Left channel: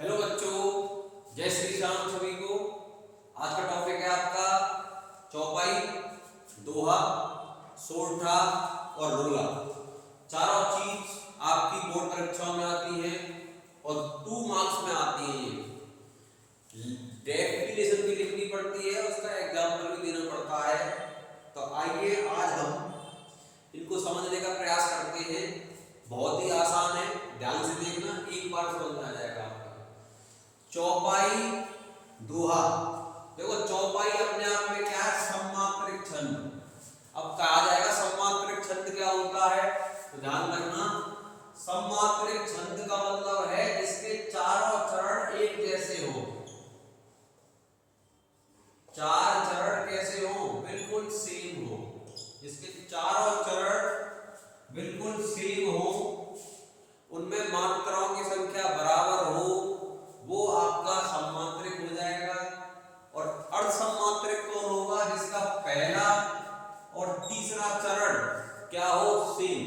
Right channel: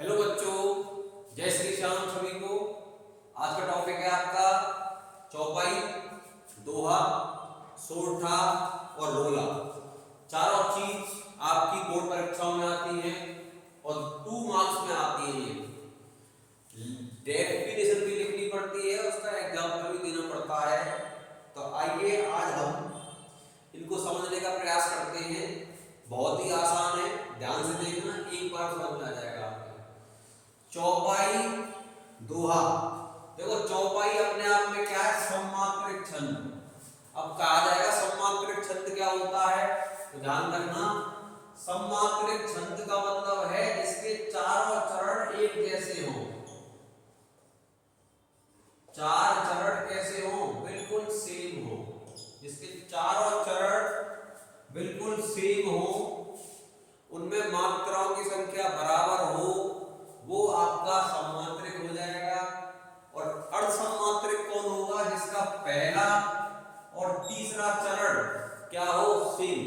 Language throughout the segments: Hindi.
हेलो बच्चों, जय श्री श्याम सभी को। आज का टॉपिक है आपका चौपाई, दोहा, सोरठा और रोला। चारों चीज आपकी बोर्ड परीक्षाओं में आती हैं और 2 मार्क्स में आती हैं। ये डेफिनेशन भी लिखनी पड़ती है, उसका एग्जाम्पल भी देना पड़ता है। तो आइए आज हम इनको समझने का प्रयास करते हैं। बहुत ही आसान है, ध्यान से देखना, एक बार समझ में आ जाएगा आपको। चौपाई, दोहा। देखो चौपाई अपने आप में क्या है? सम्मात्रिक छंद। अब कहा जाएगा सम्मात्रिक छंद क्या होता है, तो ध्यान रखना। सम्मात्रिक छंद का मतलब है इसके चारों चरण एक जैसे हो। चार चरण कैसे हो? बिल्कुल सेम हो। इसके चारों चरण बिल्कुल सेम हो, उनमें मात्राओं की संख्या बराबर हो, वो आपका सम्मात्रिक हो जाएगा। और अर्धसम्मात्रिक कौन होगा? जिसका पहला और तीसरा चरण क्या हो? सेम।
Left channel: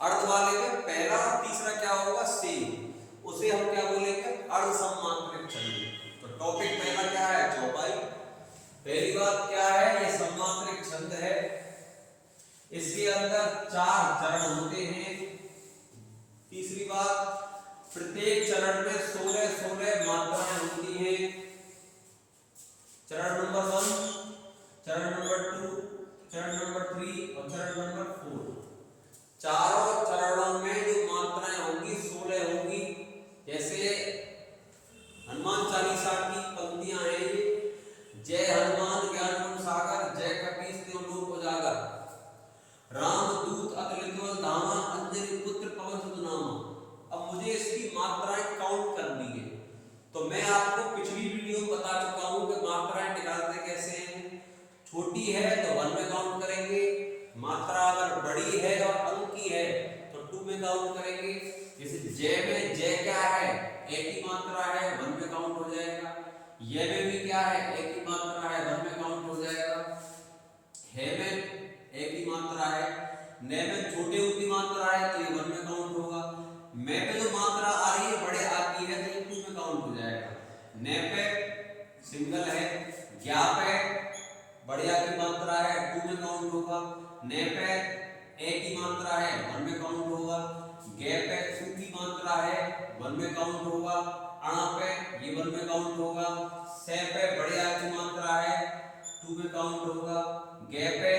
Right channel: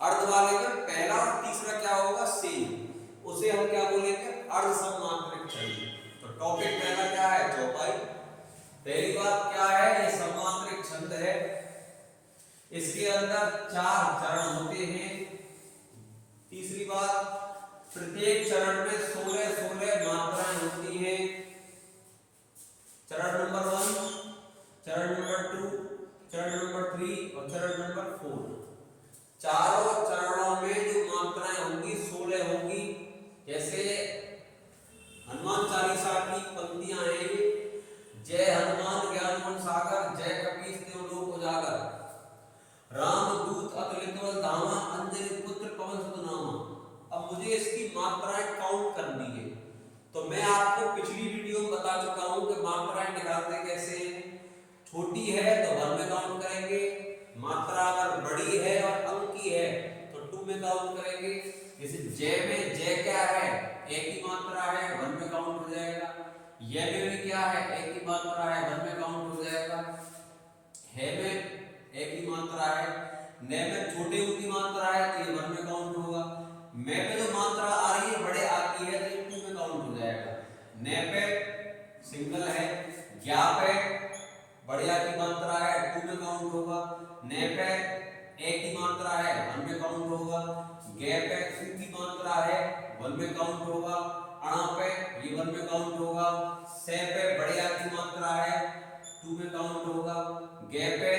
अर्ध वाले में पहला और तीसरा क्या होगा? सेम। उसे हम क्या बोलेंगे? अर्धसम्मात्रिक छंद। तो टॉपिक पहला क्या है? चौपाई। पहली बात क्या है? ये सम्मात्रिक छंद है। इसके अंदर 4 चरण होते हैं। तीसरी बात, प्रत्येक चरण में 16 मात्राएं होती हैं। चरण नंबर 1, चरण नंबर 2, चरण नंबर 3 और चरण नंबर 4। चारों चरणों में जो मात्राएं होंगी 16 होंगी। जैसे हनुमान चालीसा की पंक्तियां हैं, जय हनुमान ज्ञान गुण सागर, जय कपीस तिहुँ लोक उजागर, राम दूत अतुलित बल धामा, अंजनी पुत्र पवन सुत नामा। अब मुझे इसकी मात्राएं काउंट करनी है। तो मैं आपको पिछली वीडियो में बता चुका हूं कि मात्राएं निकालते कैसे हैं। छोटी है तो 1 में काउंट करेंगे, मात्रा अगर बड़ी है और अंक की है तो 2 में काउंट करेंगे। जैसे जय में जय क्या है? एक ही मात्रा है, 1 में काउंट हो जाएगा। य में भी क्या है? एक ही मात्रा है, 1 में काउंट हो जाएगा। है में एक ही मात्रा है। न में छोटे की मात्रा है तो ये 1 में काउंट होगा। मैं पे जो मात्रा आ रही है बड़े आती है तो ये 2 में काउंट हो जाएगा। न पे सिंगल है, ज्ञा पे बढ़िया की मात्रा है, 2 में काउंट होगा। न पे एक की मात्रा है, 1 में काउंट होगा। गे पे उ की मात्रा है, 1 में काउंट होगा। अणा पे ये 1 में काउंट होगा। से पे बढ़िया की मात्रा है, 2 में काउंट होगा। गे पे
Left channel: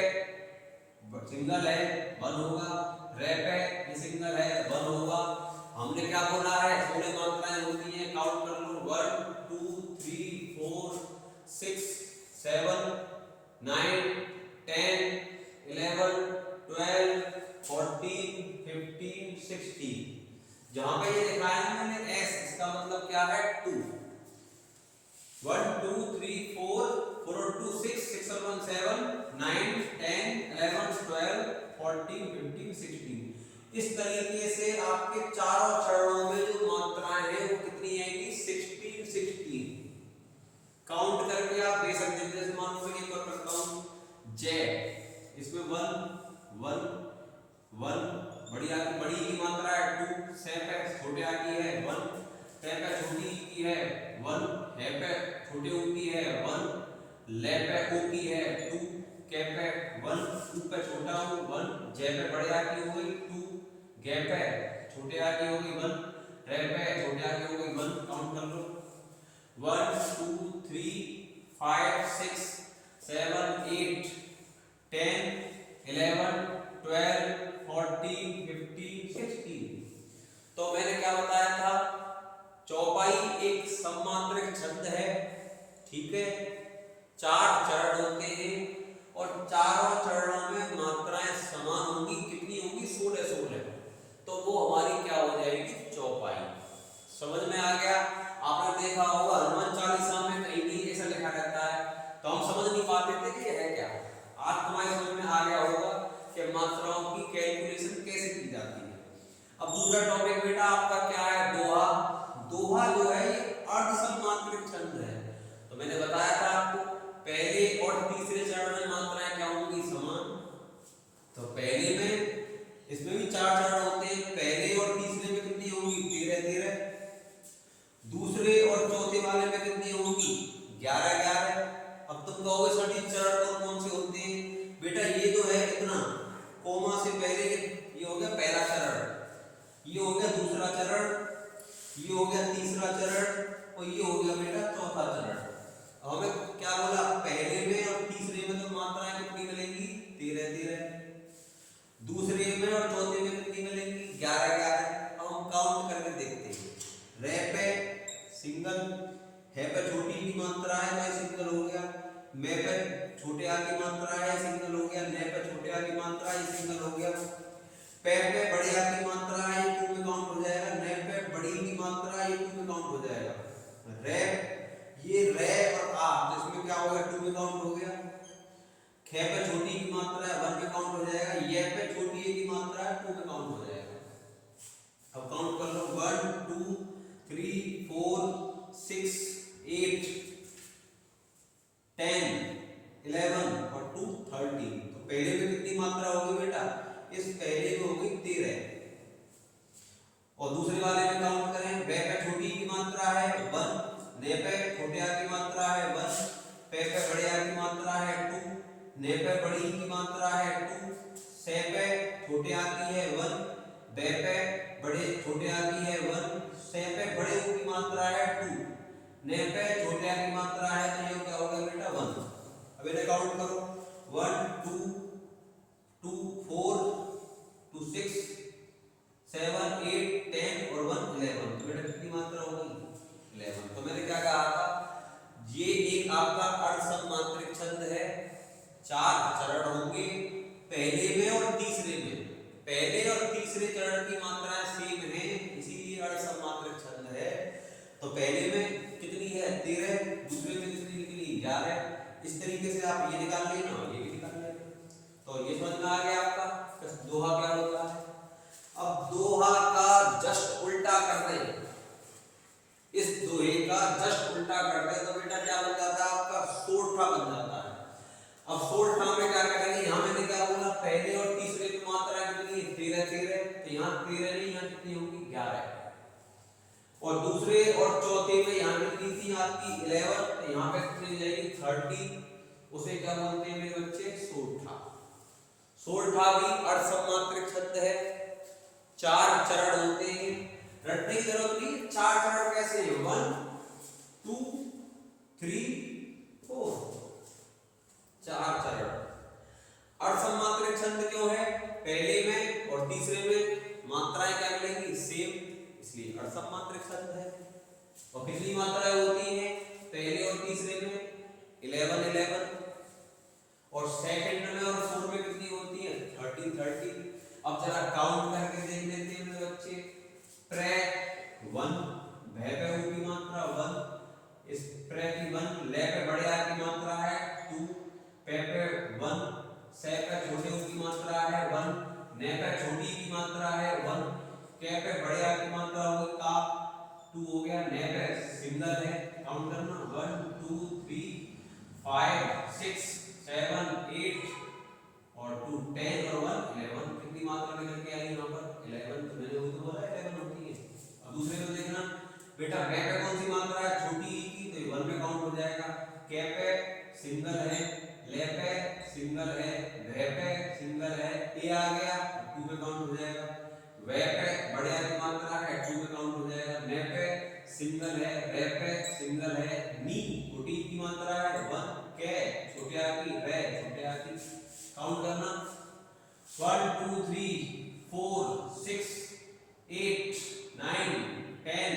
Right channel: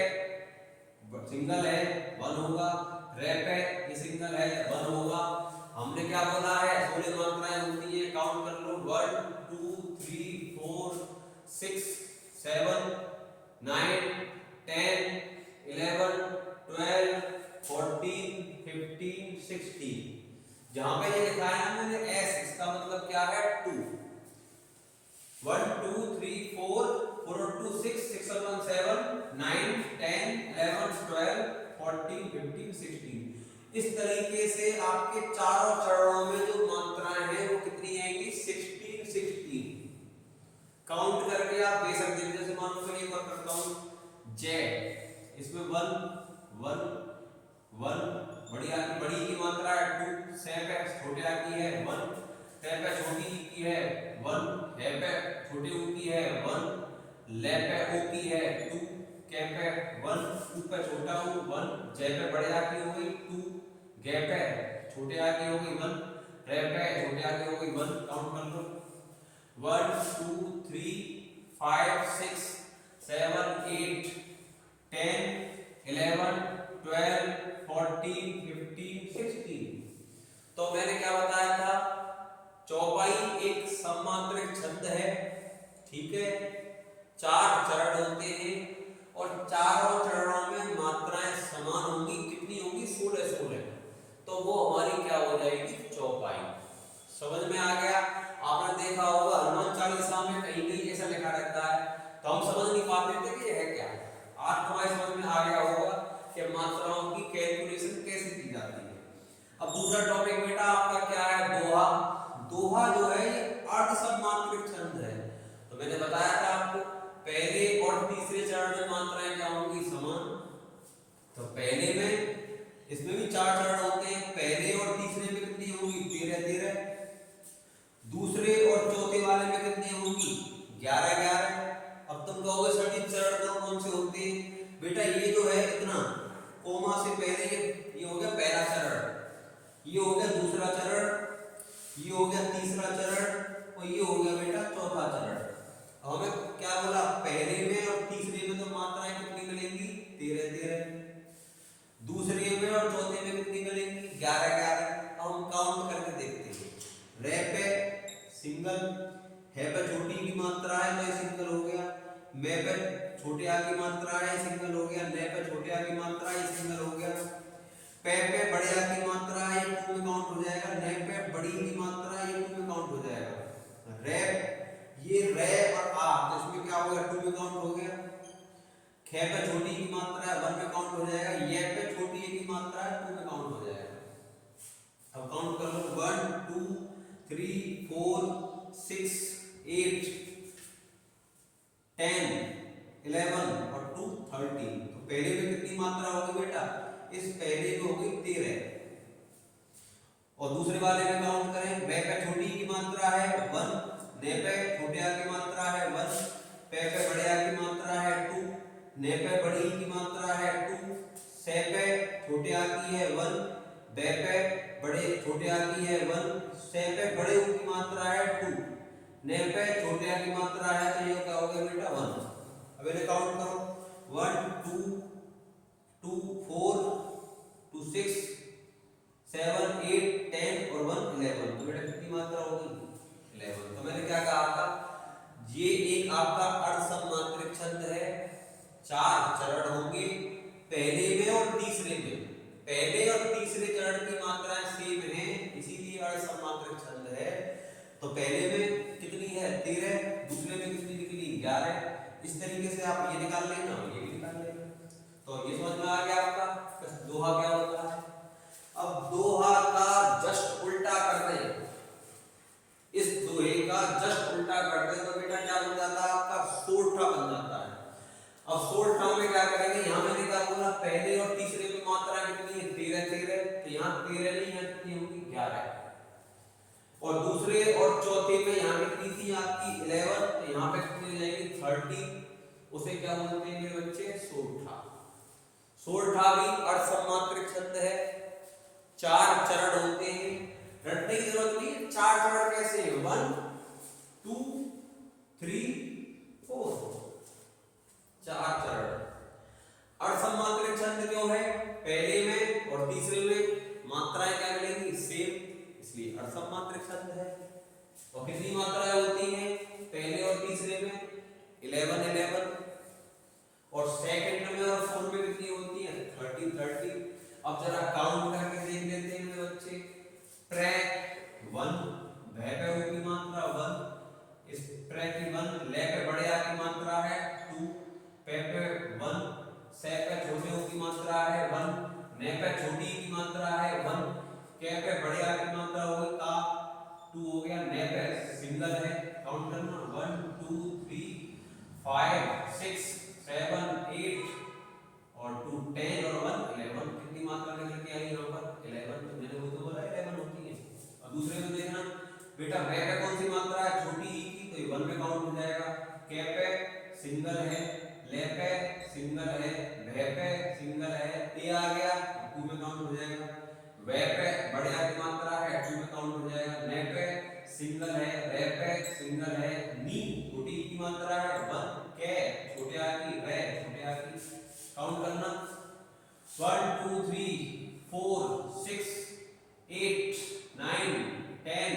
सिंगल है, 1 होगा। रे पे ये सिंगल है, 1 होगा। हमने क्या बोला है? 16 मात्राएं होती हैं, काउंट कर लो। 1 2 3 4 6 7 9 10 11 12 14 15 16। जहां पे ये लिखा है ना मैंने एस, इसका मतलब क्या है? 2। 1 2 3 4 4 और 2 6 6 और 1 7 9 10 11 12 14 15 16। इस तरीके से आपके चारों चरणों में जो मात्राएं हैं वो कितनी आएंगी? 16 16। काउंट करके आप दे सकते हैं। जैसे मान लो मैं एक बार करता हूं, जय, इसमें 1 1 1 बड़ी की मात्रा है 2, से पे छोटे आ की है 1, ते पे छोटी की है 1, है पे छोटे ऊ की है 1, ले पे ओ की है 2, के पे 1, उ पे छोटा ऊ 1, जे पे बड़े आ की हो गई 2, गे पे छोटे आ की हो गई 1, रे पे छोटे आ की हो गई 1। काउंट कर लो 1 2 3 5 6 7 8 10 11 12 14 15 16। तो मैंने क्या बताया था? चौपाई एक सम्मात्रिक छंद है, ठीक है। 4 चरण होते हैं और चारों चरणों में मात्राएं समान होंगी। कितनी होंगी? 16 16। तो वो हमारी क्या हो जाएगी? चौपाई। समझ में आ गया? आपने देखा होगा हनुमान चालीसा में कहीं भी ऐसा लिखा रहता है तो हम समझ नहीं पाते थे कि यह है क्या। आज तुम्हारे समझ में आ गया होगा कि मात्राओं की कैलकुलेशन कैसे की जाती है। अब दूसरा टॉपिक बेटा आपका क्या है? दोहा। दोहा जो है ये अर्धसम्मात्रिक छंद है। तो मैंने बताया था आपको पहले और तीसरे चरण में मात्राएं क्या होंगी? समान। तो पहले में इसमें भी 4 चरण होते हैं, पहले और तीसरे में कितनी होंगी? 13 13। सिंगल, है पे छोटी की मात्रा है तो ये सिंगल हो गया, मैं पे छोटे आ की मात्रा है सिंगल हो गया, ने पे छोटे आ की मात्रा है सिंगल हो गया, पे बड़े आ की मात्रा है ये टू में काउंट हो जाएगा, ने पे बड़ी की मात्रा है ये टू में काउंट हो जाएगा। रे ये रे और आ तो इसमें क्या हो गया टू में काउंट हो गया, खे पे छोटी की मात्रा है वन में काउंट हो जाएगा, ये पे छोटी ए की मात्रा है टू में काउंट हो जाएगा। अब काउंट कर लो 1 2 3 4 6 8 10 11 और 2 13। तो पहले में कितनी मात्रा होगी बेटा, इस पहले में होगी 13 और दूसरे वाले में काउंट करें, वे पे छोटी की मात्रा है 1, ने पे छोटे आ की मात्रा है 1, पे बड़े आ की मात्रा है 2, ने पे बड़ी की मात्रा है 2, से पे छोटे आ की है 1, बे पे बड़े छोटे आ की है 1, से पे बड़े ऊ की मात्रा है 2, ने पे छोटे आ की मात्रा है तो ये क्या हो गया बेटा 1। अब इन्हें काउंट करो 1 2 2 4 2 6 7 8 10 और 1 11। तो बेटा कितनी मात्रा होगी 11। तो मैंने क्या कहा था, ये एक आपका अर्धसमांतरिक छंद है, 4 चरण होंगे पहले में और तीसरे में, पहले और तीसरे चरण की मात्राएं सेम है इसीलिए अर्धसमांतरिक छंद है। तो पहले में कितनी है 13, दूसरे में कितनी निकली 11, इस तरीके से आप ये निकाल लेना और ये भी निकाल लेना। तो ये समझ में आ गया आपका दोहा क्या होता है। अब दोहा का जस्ट उल्टा कर दें, इस दोहे का जस्ट उल्टा कर दें तो बेटा क्या बन जाता है आपका सोरठा बन जाता है। अब सोरठा में क्या करेंगे, यहाँ मैंने क्या बोला पहले और तीसरे की मात्रा कितनी है 13 13, तो यहाँ 13 नहीं यहाँ कितनी होगी 11, और दूसरे और चौथे में यहाँ कितनी थी आपकी 11, तो यहाँ पे कितनी हो जाएगी 30, उसे क्या बोलते हैं मेरे बच्चे सोरठा। सोरठा भी अर्धसमांतरिक छंद है, 4 चरण होते हैं, रटने की जरूरत नहीं, 4 चरण कैसे हैं 1 2 3 4, 4 चरण। अर्धसमांतरिक छंद क्यों है, पहले में और तीसरे में मात्राएं क्या मिलेंगी सेम, इसलिए अर्धसमांतरिक छंद है। और कितनी मात्राएं होती हैं पहले और तीसरे में 11 11, और सेकंड में और फोर्थ में कितनी होती है 30 30। अब जरा काउंट करके देख लेते हैं मेरे बच्चे, प्रे 1, भे पे ऊ की मात्रा 1, इस प्रे की 1, ले पे बड़े आ की मात्रा है 2, पे 1, से पे छोटे ऊ की मात्रा है 1, ने पे छोटी की मात्रा है 1, के पे बड़े आ की मात्रा होगी का 2 हो गया, ने पे सिंगल है, काउंट करना 1 2 3 5 6 7 8 और 2 10 और 1 11। कितनी मात्रा निकल के आई यहाँ पर 11, तो मैंने वही तो बोला 11 होती है। अब दूसरे में देखना बेटा, वे पे कौन सी मात्रा है छोटी ई की, तो 1 में काउंट हो जाएगा, के पे सिंगल है, ले पे सिंगल है, भे पे सिंगल है, ए आ गया 2 में काउंट हो जाएगा, वे पे बड़े आ की मात्रा है 2 में काउंट हो जाएगा, ने पे सिंगल है, रे पे सिंगल है, नी छोटी की मात्रा है 1, के छोटे आ की, रे छोटे आ की, काउंट करना 1 2 3 4 6 8 9 10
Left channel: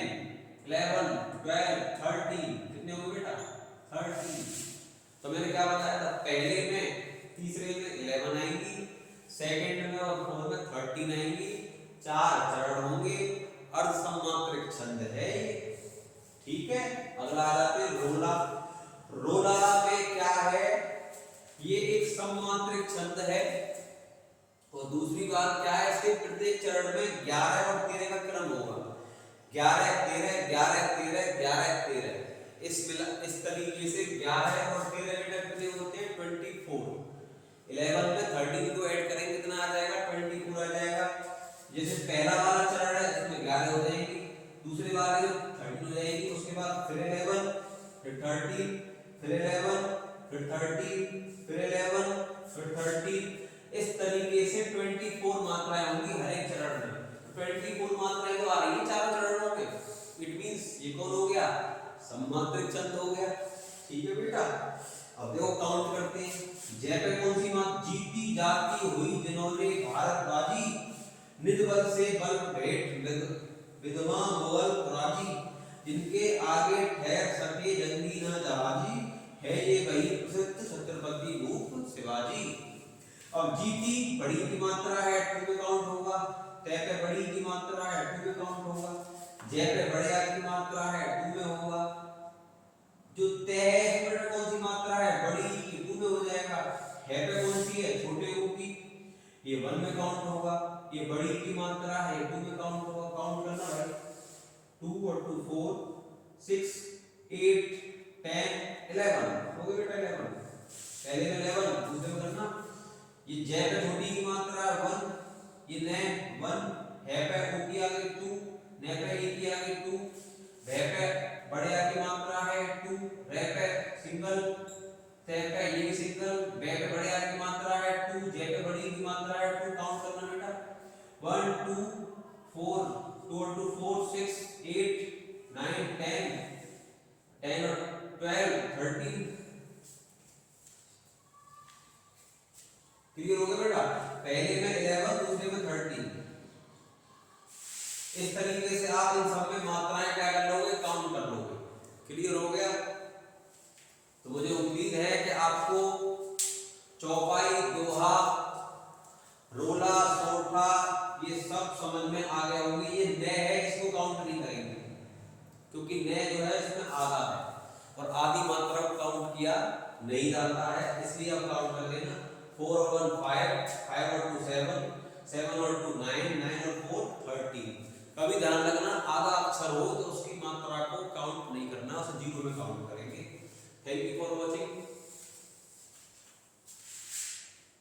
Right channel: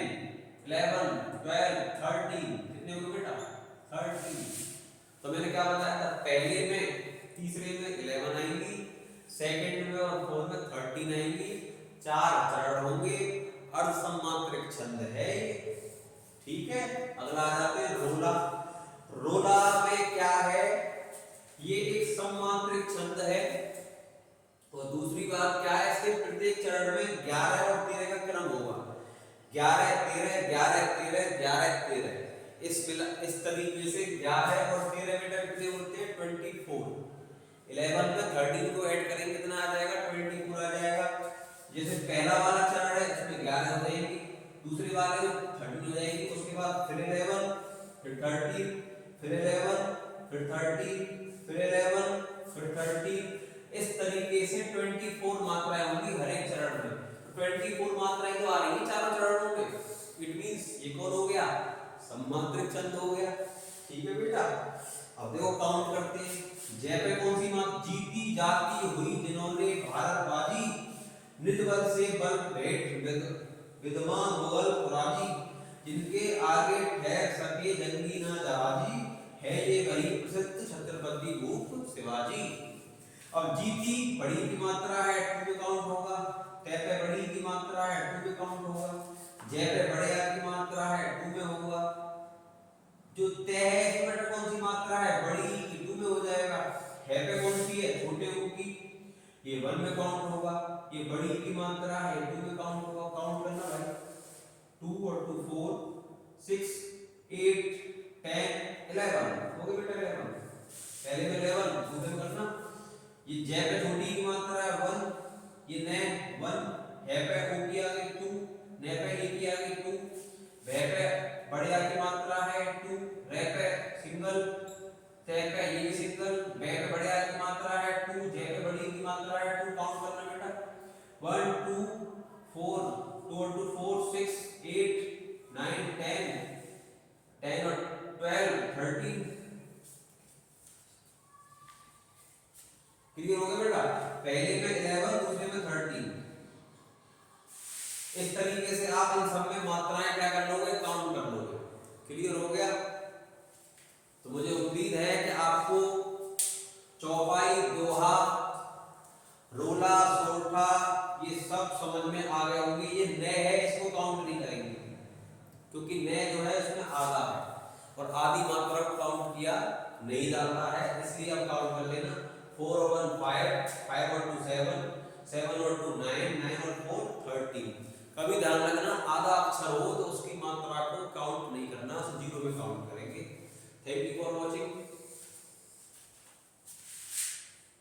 11 12 13। कितने होंगे बेटा 13। तो मैंने क्या बताया था, पहले में तीसरे में 11 आएंगी, सेकंड में और फोर्थ में 13 आएंगी, 4 चरण होंगे, अर्धसमांतरिक छंद है ये, ठीक है। अगला आ जाते हैं रोला। रोला में क्या है, ये एक समांतरिक छंद है, और दूसरी बात क्या है, इसके प्रत्येक चरण में 11 और 13 का क्रम होगा, 11 13 11 13 11 13। इस तरीके से 11 और 13 बेटा कितने होते हैं 24। 11 में 13 को ऐड करेंगे कितना आ जाएगा 24 आ जाएगा। जैसे पहला वाला चरण है इसमें 11 हो जाएंगी, दूसरे वाले में 13 हो जाएंगी, उसके बाद फिर 11 फिर 13 फिर 11 फिर 13 फिर 11 फिर 13। इस तरीके से 24 मात्राएं होंगी हर एक चरण में। 24 मात्राएं तो आ रही है चारों चरणों में, इट मींस ये कौन हो गया समांतरिक छंद हो गया, ठीक है बेटा। अब देखो काउंट करते हैं, जय पे कौन सी मात, जीती जाती हुई जिन्होंने भारत बाजी, निज बल से बल भेंट विद्वान मुगल राजी, जिनके आगे ठहर सके जंगी न जहाजी, है ये वही प्रसिद्ध छत्रपति भूप शिवाजी। अब जीती बड़ी की मात्रा है, टू में काउंट होगा। तय पे बड़ी की मात्रा है, टू में काउंट होगा। जय पे बढ़िया की मात्रा है, टू में होगा। जो तय है इसमें बेटा कौन सी मात्रा है, बड़ी की, टू में हो जाएगा। है पे कौन सी है, छोटे ऊ की, ये वन में काउंट होगा। ये बड़ी की मात्रा है, ये टू में काउंट होगा। काउंट करना भाई, 2 और 2 4 6 8 10 11 हो गए बेटा 11। पहले में 11, दूसरे में करना। ये जय पे छोटी की मात्रा है 1, ये ने 1, है पे ओ की आगे 2, ने पे ए की आगे 2, भे पे बड़े आ की मात्रा है 2, रे पे सिंगल, ते पे ये भी सिंगल, बे पे बड़े आ की मात्रा है 2, जे पे बड़ी की मात्रा है 2। काउंट करना बेटा, 1 2 4 2 और 2 4 6 8 9 10 10 और 12 13। क्लियर हो गया बेटा, पहले में 11, दूसरे में 13। इस तरीके से आप इन सब में मात्राएं क्या कर लोगे, काउंट कर लोगे। क्लियर हो गया। तो मुझे उम्मीद है कि आपको चौपाई, दोहा, रोला, सोठा ये सब समझ में आ गया होंगे। ये न है, इसको काउंट नहीं करेंगे क्योंकि न जो है इसमें आधा है और आधी मात्रा को काउंट किया नहीं जाता है, इसलिए आप काउंट कर लेना। 4 और 1 5, 5 और 2 7, 7 और 2 9, 9 और 4 13। कभी ध्यान रखना आधा अक्षर हो तो उसकी मात्रा को काउंट नहीं करना, उसे जीरो में काउंट करेंगे। Thank you.